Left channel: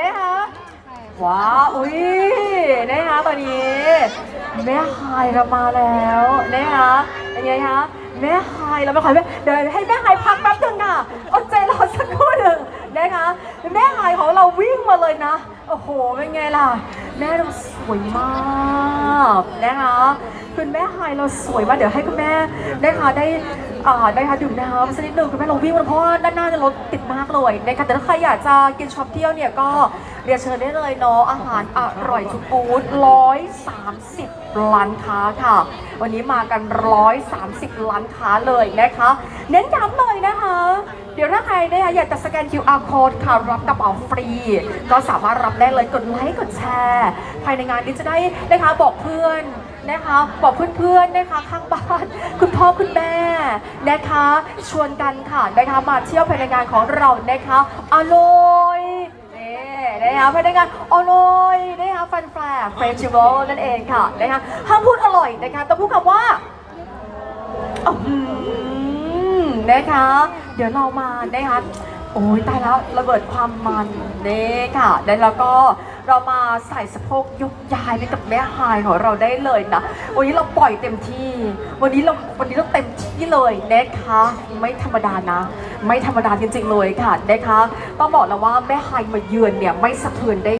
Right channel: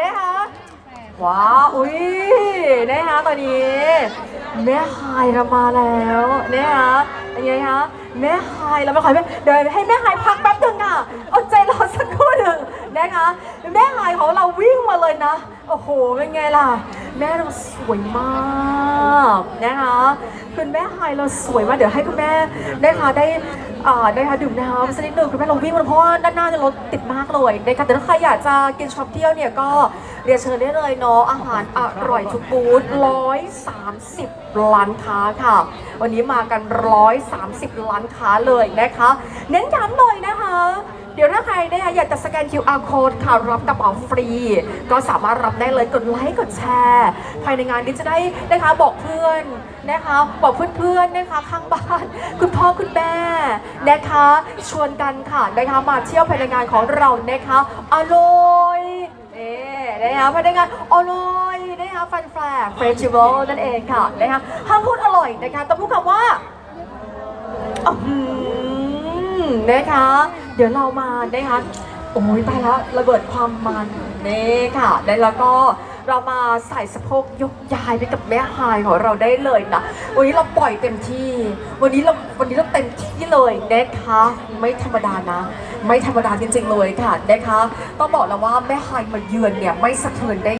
นะคะว้าวอุ้ยนะคะตอนนี้แม่ไฮายเรามาแล้วนะคะเป็นไงคะแม่ไฮายเราไปขอแม่เดี๋ยวให้แม่ไฮายพักแป๊บนึงค่ะอดใจรอสักครู่หนึ่งนะคะ แม่ไฮายของเราวิ่งมาเลยนะ โอ้โห เป็นไงล่ะ แม่เราสวยมากนะคะคุณแม่ไฮายเราสวยมากเดี๋ยวให้คุณแม่นะคะได้อ่อได้ค่ะดื่มน้ำสักนิดหนึ่งคุณแม่เราวิ่งมาเพราะว่าด้านหน้าจะรถติดมากเลยนะคะแต่ถ้าใครอยากจะกินช็อปเที่ยวเนี่ยก็เรียนเชิญได้เลยเนาะอาหารอร่อยทุกบูธ130ล้านค้าค่ะ วันนี้มากัน130ล้านค้าเลยนะคะ เน้นย้ำหน่อยนะคะ เดี๋ยวถ้าใครเนี่ยอยากจะสแกน QR code ค่ะรับกระเป๋าฟรี ก็สามารถรับได้เลยกดไลค์กดแชร์ภายในงานนี้จะได้นะคะบอกเพื่อนนะคะ บอกเพื่อนๆนะคะข้างบ้าน คุณพ่อคุณแม่นะคะ ชวนกันค่ะนะคะมาเที่ยวภายในงานของเรานะคะอร่อยนี่นะคะภายในงานอร่อยนะคะแฟนแฟร์เฟสติวัลนั่นเองค่ะนะคะห้ามพูดอร่อยนะคะต้องพูดคำว่าอืมนะคะ เดี๋ยวเรามานะคะโอ้ยตายแล้วระเบิดความมันเน่ค่ะแล้วก็เรามาใส่สะโพกยกยายไปกับแม่ฮายของเราได้เลยนะวันนี้เราปล่อยเต็มที่ วันนี้เราวันนี้เราเต็มที่เลยนะคะไม่ธรรมดานะ ไม่ธรรมดาจริงๆเลยค่ะนะคะต้องบอกแล้วว่าแม่ฮายมาเยือนเนี่ยไม่สะเทือนได้